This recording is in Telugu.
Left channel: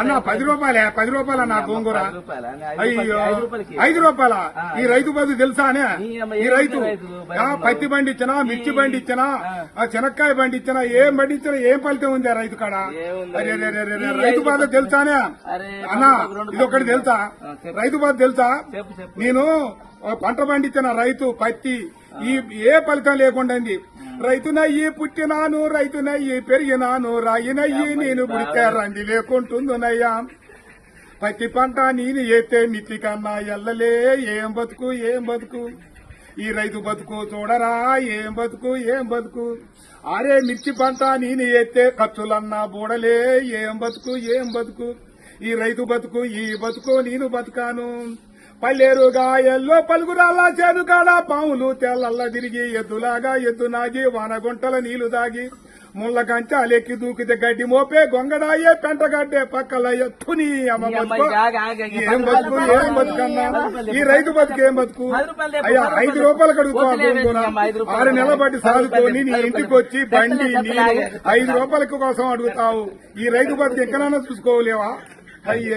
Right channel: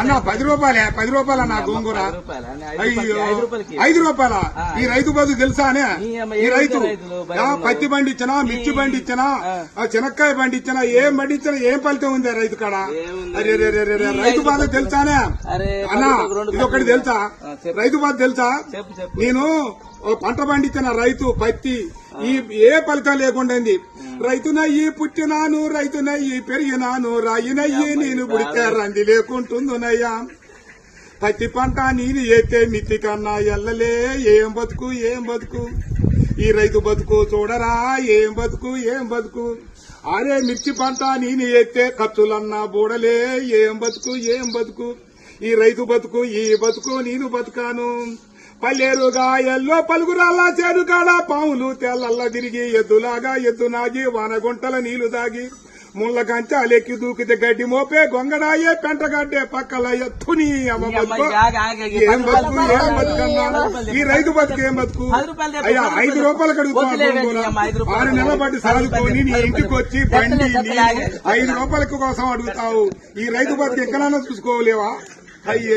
అన్న 10 రూపాయలే 10 రూపాయల నా గోంగూర. అయ్యో 5 రూపాయల. ఈ రైతు బతుకు తెలుసా అనే? ఈ రైతు పత్తి బండి ఇచ్చినా, మిర్చి బండి ఇచ్చినా, చెనక్కాయ బండి ఇచ్చినా, ఏం బండి ఇచ్చినా ఏం ఫలితం ఉంది ఆ రైతు కాడ? రైతు బాధ తెలుసానే అన్నా? ఇది ఒకటి తెలుసా? రైతు బాధ తెలుసా? నేను పంట పండించిన రైతు పత్తి ఏ ఫలితం లేకుండా రైతునయ్యి పుట్టినాను, రైతునయ్యి పెరిగినాను, రాయినయ్యి నేను పుడితే రంది లేకుంటుందునయ్యా. పత్తి పంట నేను ఎత్తే మిత్తి కన్నా ఎల్లలే. ఏం బతుకు ఏం బతుకు ఈ రైతు బతుకు చూడరా, ఏం బతుకు ఏం బతుకు. అరే మిర్చి పంట నేను ఎత్తే ఖర్చులన్నా బూడలే. ఏం బతుకు ఏం బతుకు ఈ రైతు బతుకు. ఈ బతుకు నేను బతుకాను. పల్లెరుగా ఎల్లో పలుగురాల చేరుగాడ పాములు తెల్లల్లా తిరిగి ఎద్దులాగా ఎద్దు నాగి వానగుంటల నీళ్లు దాగి ముళ్ళ కంచాలెక్కి దూకితే గడ్డి మోపే గొంగడాయే పెంటగడ్డే పక్కల ఎత్తుని ఏం బతుకు ఏం బతుకన్నా ఈ రైతు బతుకు ఏం బతుకు. అయ్యా 5 రూపాయలు అడుగుతావు, 6 నెలల బట్టి సాదుకొని నీ ఇంటికి వచ్చి బండి 5 రూపాయల కోసం అడుగుతావు. ఈ రైతు బతుకు ఎక్కడైనా చూసుకోలేవా? అయ్యో